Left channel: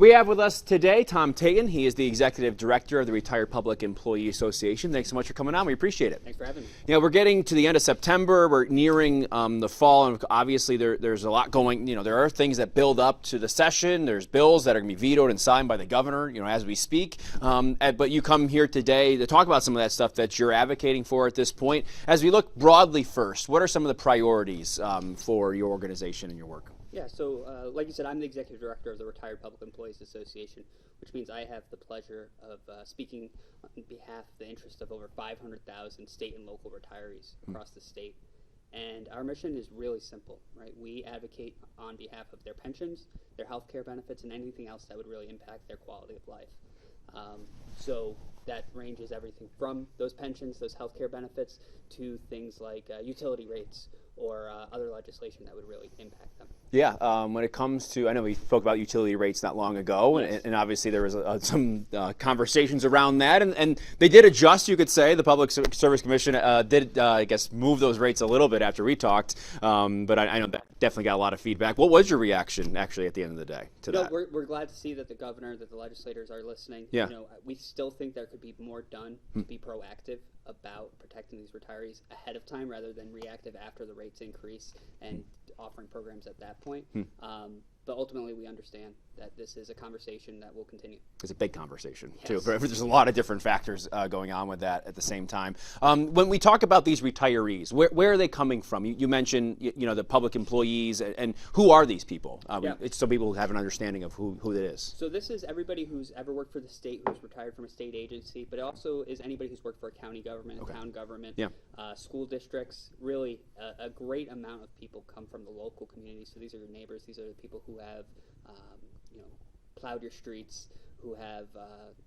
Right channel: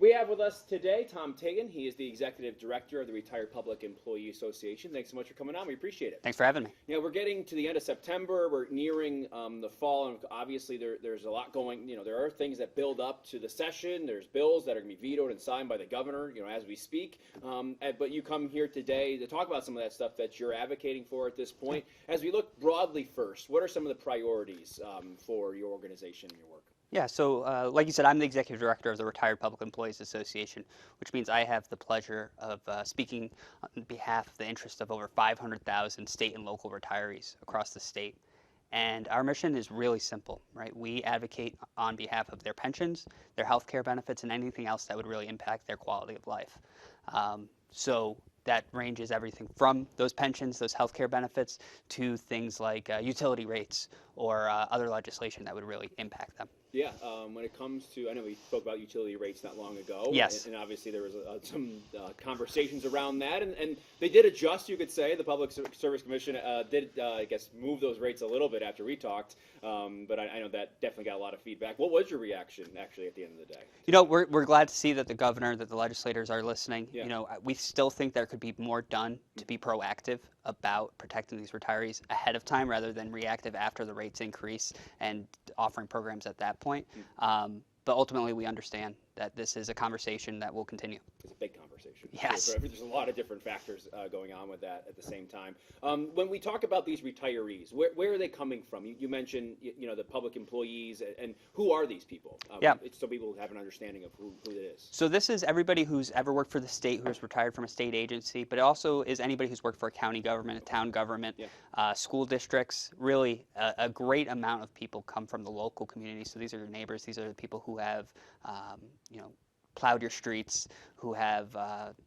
We have with us today Tom Tatun. He is the Executive Director of the Retired Public Employee Association. Thanks so much for coming on. We appreciate it. Thanks for having me. You know, we're getting to the end of September. We're nearing the fall, and obviously there's a lot going. You know, there are things that build up to the session. There's bills that are going to be vetoed and signed by the governor, you know, as we speak. But you come here today to talk about some of that stuff that you're advocating for at this point. As we look broadly first, what are some of the priorities for your organization and your work? Yeah, so like you said, I'm the Executive Director of the Retired Public Employees Association, which means I have the pleasure of speaking on behalf of the interest of over 500,000 state and local retirees across the state. And our mission is really simple, right? We advocate on behalf of their pensions, their health care benefits, and anything else that would really impact their quality of life. So that ranges everything from those pensions, those health care benefits, to things like utility rates or other legislation that would really impact them. Yeah, when it comes to, I know we spoke about utility rates not long ago, yes. and obviously there was some conversations around that, and they did adjust, you could say. The Public Service Commission did, I guess, move those rates a little bit after we talked, but I know that definitely got a lot of feedback. What was your reaction, actually, at the end of the day? You know, we're glad to see that the governor, that the legislators are listening. Yeah. You know, we still think there could be more done to be proactive about protecting these retirees ahead of time rather than reactive after the rates increase and offering programs at that point. But ultimately, we understand that this is a conversation that will continue. It's a big conversation. Yes. Too. There's a lot of different factors going on with that at the same time. When we talk about these retirees, where are they coming from? You mentioned, you know, the public employees, and who are these people? Yeah. It's so people have an understanding of who it is. So this is everybody who's ever worked for the state, who's retired from a state agency, but it also is anybody who's worked for a county government, a town government, school districts. Really, a great amount of people come from the local community. So these are your neighbors. These are the people who have, you know, plowed your streets, who have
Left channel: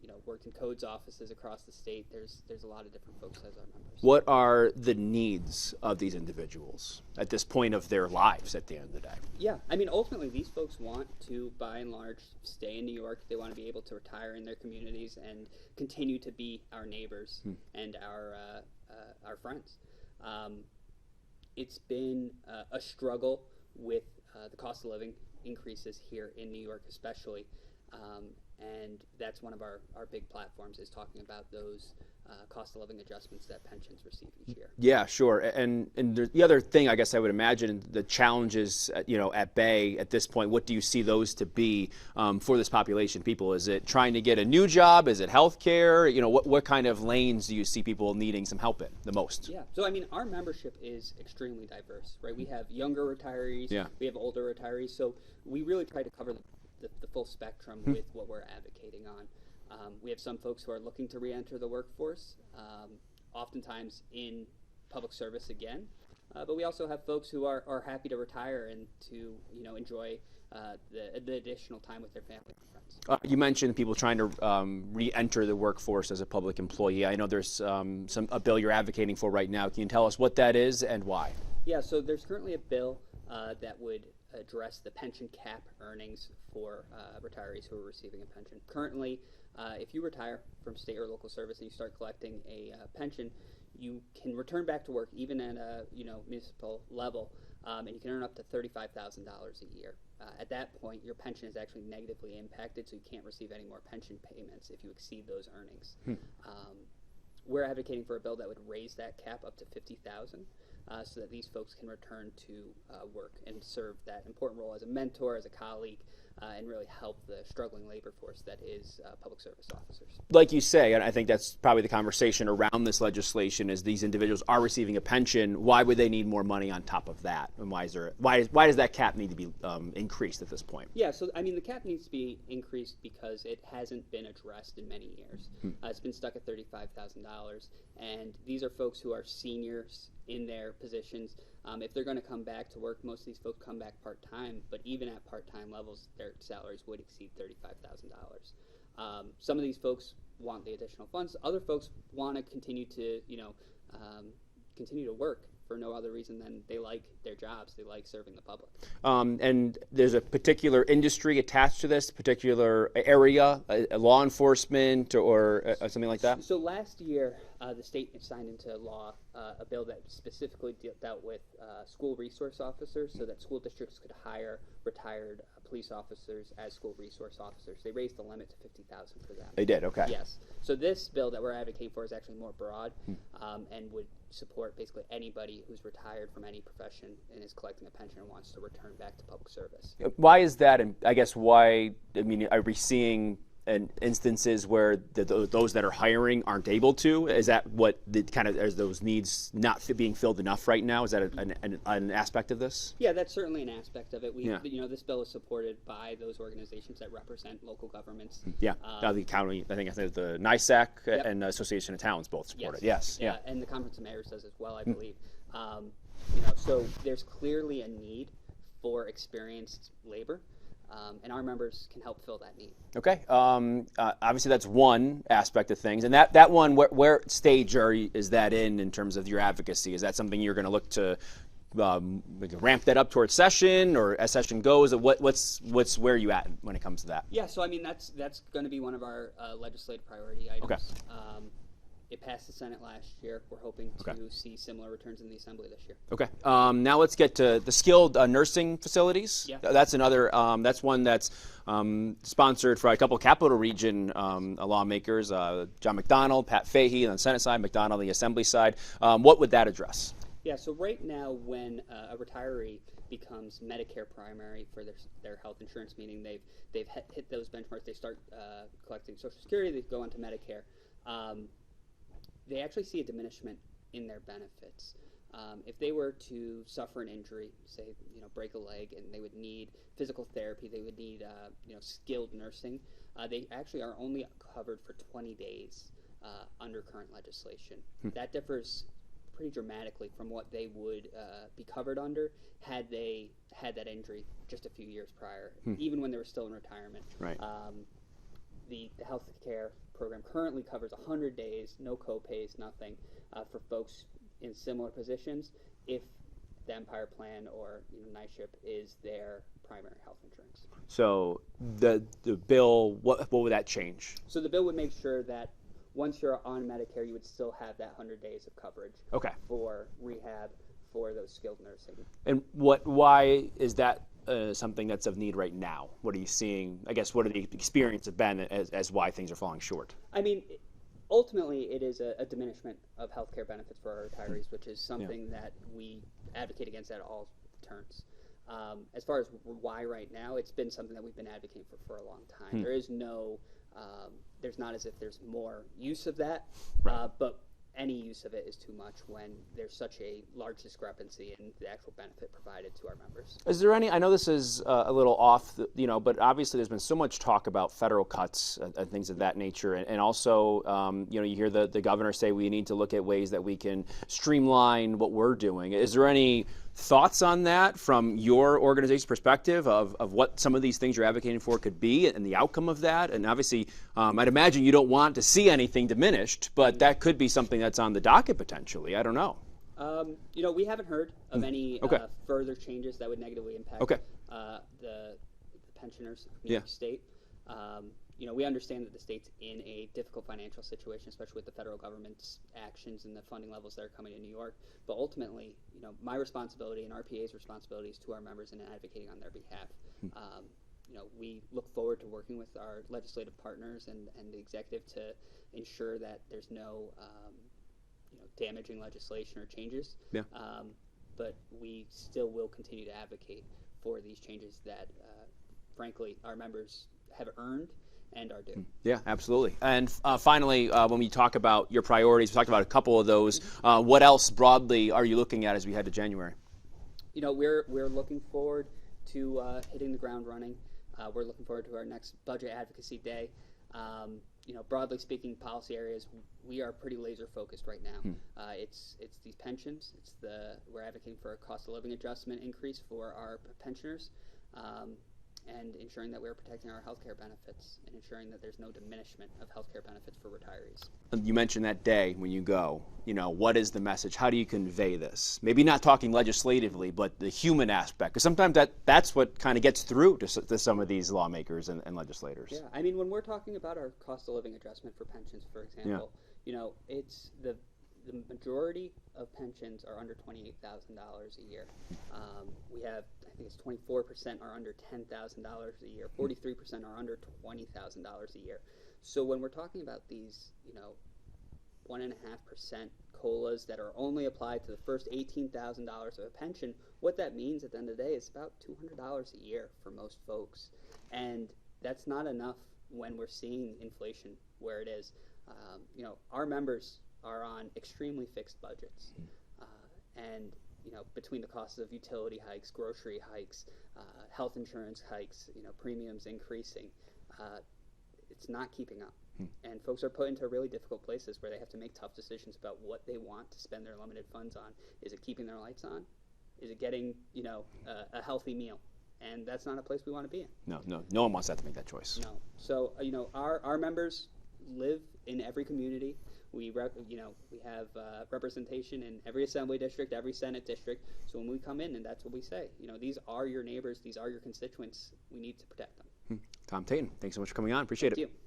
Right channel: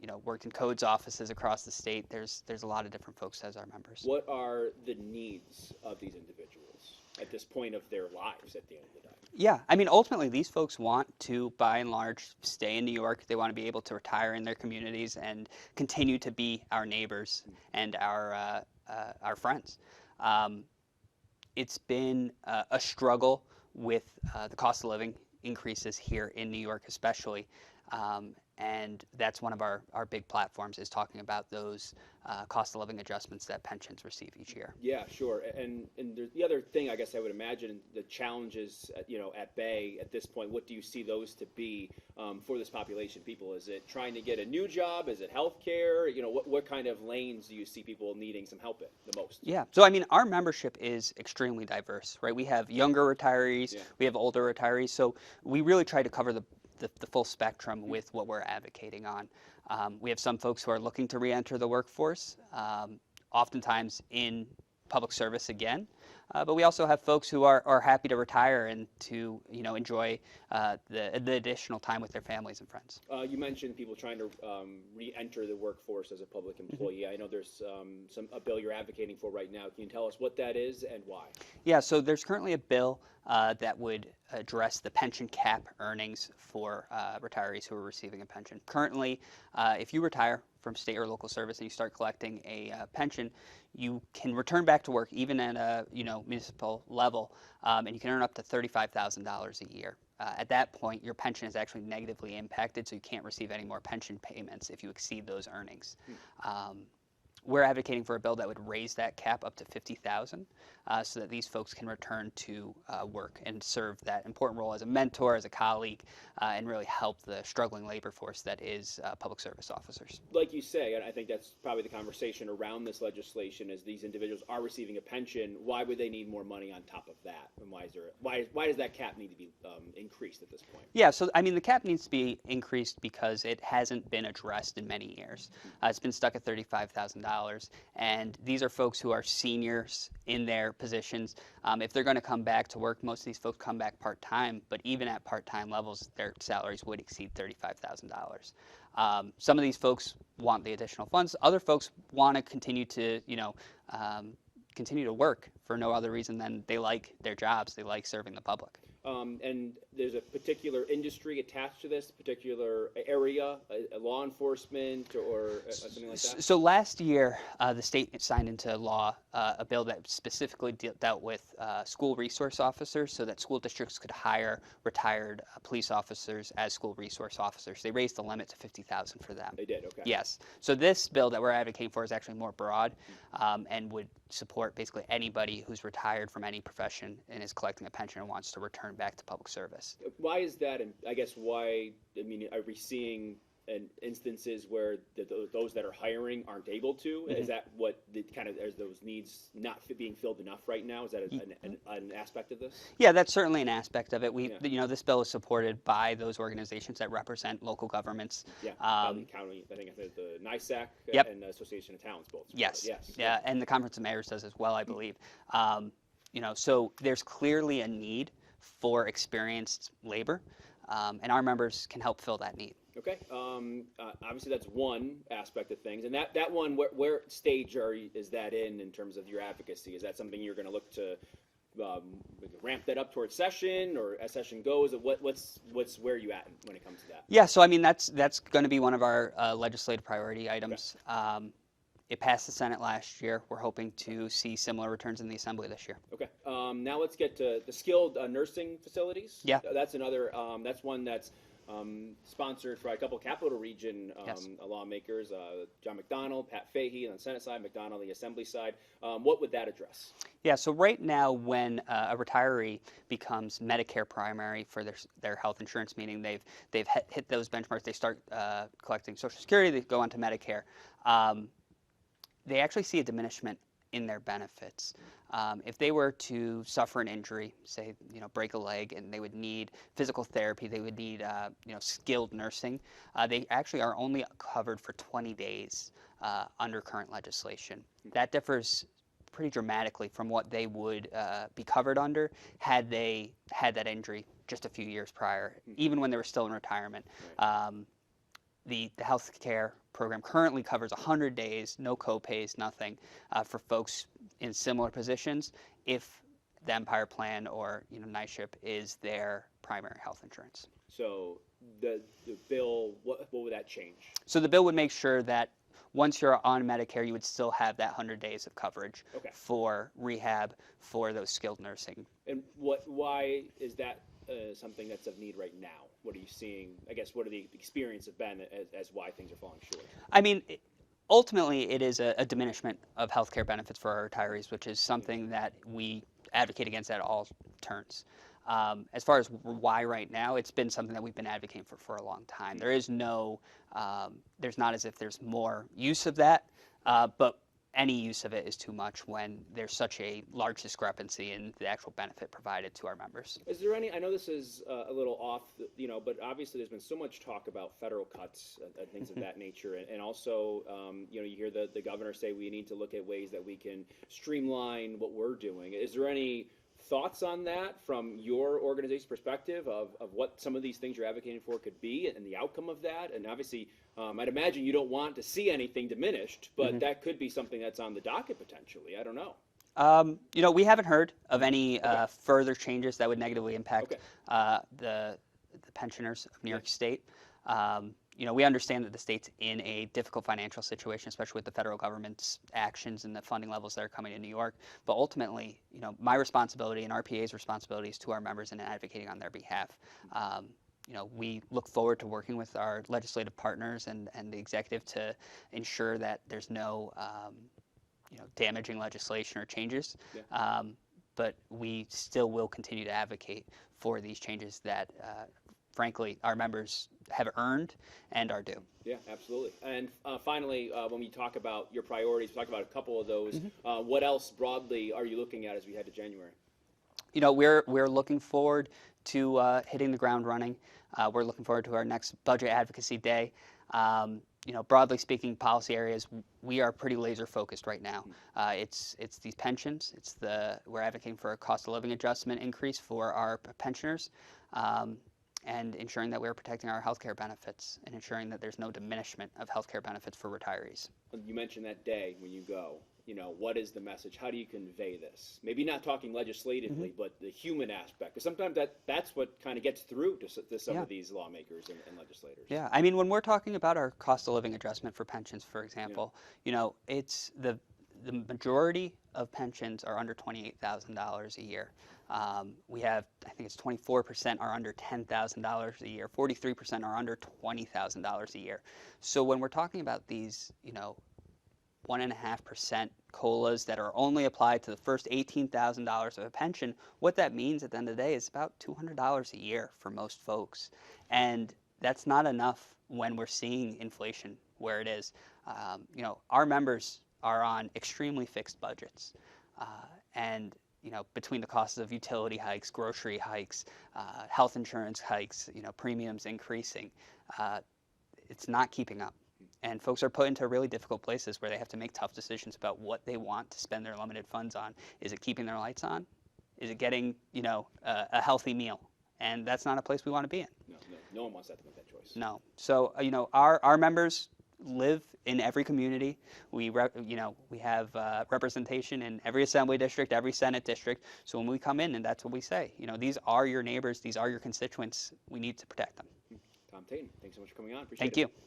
you know, worked in codes offices across the state. There's a lot of different folks as our members. What are the needs of these individuals at this point of their lives at the end of the day? Yeah, I mean, ultimately, these folks want to, by and large, stay in New York. They want to be able to retire in their communities and continue to be our neighbors and our friends. It's been a struggle with the cost of living increases here in New York especially, and that's one of our big platforms, is talking about those cost of living adjustments that pensions receive each year. Yeah, sure. And the other thing, I guess I would imagine, the challenges, you know, at bay at this point, what do you see those to be for this population of people? Is it trying to get a new job? Is it health care? You know, what kind of lanes do you see people needing some help in the most? Yeah, so I mean, our membership is extremely diverse, right? We have younger retirees, we have older retirees, so we really try to cover the full spectrum with what we're advocating on. We have some folks who are looking to re-enter the workforce, oftentimes in public service again. But we also have folks who are happy to retire and to, you know, enjoy the additional time with their families and friends. You mentioned people trying to re-enter the workforce as a public employee. I know there's a bill you're advocating for right now. Can you tell us what that is and why? Yeah, so there's currently a bill that would address the pension cap earnings for retirees who are receiving a pension. Currently, if you retire from state or local service and you start collecting a pension, you can return back to work even at a municipal level, and you can earn up to $35,000 a year. At that point, your pension is actually negatively impacted, so you can't receive any more pension payments if you exceed those earnings. We're advocating for a bill that would raise that cap up to $50,000. So that these folks can return to work and serve that important role as a mentor, as a colleague, and really help the struggling labor force that is public service officers. Like you say, and I think that's probably the conversation around this legislation, is these individuals are receiving a pension. Why would they need more money on top of that? And why does that cap need to be increased at this point? Yeah, so I mean, the cap needs to be increased because it hasn't been addressed in many years. It's been stuck at $35,000, and these are folks who are seniors in their positions. If they're going to come back to work, most of these folks come back part-time, but even at part-time levels, their salaries would exceed $35,000. Some of these folks want the additional funds. Other folks want to continue to, continue to work for no other reason than they like their jobs, they like serving the public. And there's a particular industry attached to this particular area, law enforcement or something like that? So last year, the state signed into law a bill that specifically dealt with school resource officers, so that school districts could hire retired police officers as school resource officers. They raised the limit to $50,000 for them. They did, okay. Yes. So this bill that we're advocating for is actually more broad and would support basically anybody who's retired from any profession and is collecting a pension and wants to return back to public service. Why is that? And I guess why, I mean, are we seeing instances where those that are hiring aren't able to? Is that what the kind of, is those needs not being filled enough right now? Is that an aspect of this? Yeah, that's certainly an aspect of it. You know, this bill is supported by those organizations that represent local governments. Yeah, the county, I think the NISAC Yep. and Association of Towns both support Yes. it. Yes. Yeah, and the Conference of Mayors does as well, I believe. You know, so there's clearly a need for experienced labor, and our members can help fill that need. Okay. Obviously, that's one aspect of things, and that one, where stage is that in terms of your advocacy? Is that something you're going to look to ramp that up towards session, or as session goes? What's where are you at when it comes to that? Yeah, so I mean that's going to be one of our legislative priority items. Okay. It passed the Senate last year. We're hoping to see similar returns in the Assembly this year. Okay. Now let's get to the skilled nursing facilities. Yeah. That's another. That's one that's sponsored by a couple of Capital Region lawmakers, John McDonald, Pat Fahey on the Senate side, McDonald on the Assembly side. What would that address? Yeah, so right now when a retiree becomes Medicare primary for their health insurance, meaning they've hit those benchmarks, they start collecting Social Security, they go on to Medicare, they actually see a diminishment in their benefits. If they were to suffer an injury, say, break a leg, and they would need physical therapy, they would need, skilled nursing, they actually are only covered for 20 days under current legislation. That differs pretty dramatically from what they would be covered under had they had that injury just a few years prior, even when they were still in retirement. Right. The health care program currently covers 100 days, no co-pays, nothing, for folks in similar positions if the Empire Plan or NISHIP is their primary health insurance. So the bill, what would that change? So the bill would make sure that once you're on Medicare, you would still have that 100 days of coverage for rehab for those skilled nursing. And why is that something that's of need right now? What are you seeing? I guess what are the experience have been as why things are falling short? I mean, ultimately, it is a diminishment of health care benefits for our retirees, which is something that we advocate against at all turns. As far as why right now, it's been something that we've been advocating for a long time. There is no, there's not as if there's more use of that, but any use of it is too much when there's such a large discrepancy in the actual benefit provided to our members. Is there any, I know this is a little off, but obviously there's been so much talk about federal cuts and things of that nature. And also, you hear the governor say we need to look at ways that we can streamline what we're doing. Is there any thoughts on that from your organization's perspective of what some of these things you're advocating for could be and the outcome of that? And obviously, I'd imagine you don't want to see anything diminished, but that could be something that's on the docket potentially. I don't know. We haven't heard of any further changes that would negatively impact the pensioners of New York State. We understand that the state's in a difficult financial situation, especially with the federal government's actions and the funding levels that are coming to New York. But ultimately, my responsibility and RPA's responsibility is to our members and advocating on their behalf. We look forward to working with our legislative partners and the executive to ensure that there's no damaging legislation or changes. But we still will continue to advocate for these changes that, frankly, our members have earned and are due. Yeah, absolutely. And finally, when we talk about your priorities, we talked about a couple of those. What else broadly are you looking at as we head to January? We're looking forward to hitting the ground running. We're looking forward to our next Budget Advocacy Day. Broadly speaking, policy areas, we are pretty laser focused right now. It's these pensions. We're advocating for a cost of living adjustment increase for our pensioners. and ensuring that we're protecting our healthcare benefits and ensuring that there's no diminishment of healthcare benefits for retirees. You mentioned that day when you go, what is the message? How do you convey this? Maybe not talking legislatively, but the human aspect, because sometimes that's what kind of gets through to some of these lawmakers and legislators. Yeah, I mean, when we're talking about our cost of living adjustment for pensions, for example, it's the majority of pensions are under $28,000 a year. We have, I think it's 24% are under $10,000 a year. 43% are under $20,000 a year. So when we're talking about these, 1.5% COLAs that are only applied to the first $18,000 of a pension, what that means at the end of the day is about $200 a year for most folks. And that's not enough when we're seeing inflation where it is. Our members are on extremely fixed budgets. And between the costs of utility hikes, grocery hikes, health insurance hikes, premiums increasing, it's not keeping up. And folks are put into really difficult places where they have to make tough decisions about what they want to spend their limited funds on. Is it keeping their lights on? Is it getting, a healthy meal? And that's not a place we want to be in. No one wants that to make that choice. No. So, our members live in every community. We have representation in every assembly district, every Senate district. So when we come in, and that's what we say, these are your neighbors, these are your constituents. We need to protect them. Tom Tatun, thanks so much for coming on. Appreciate it. Thank you.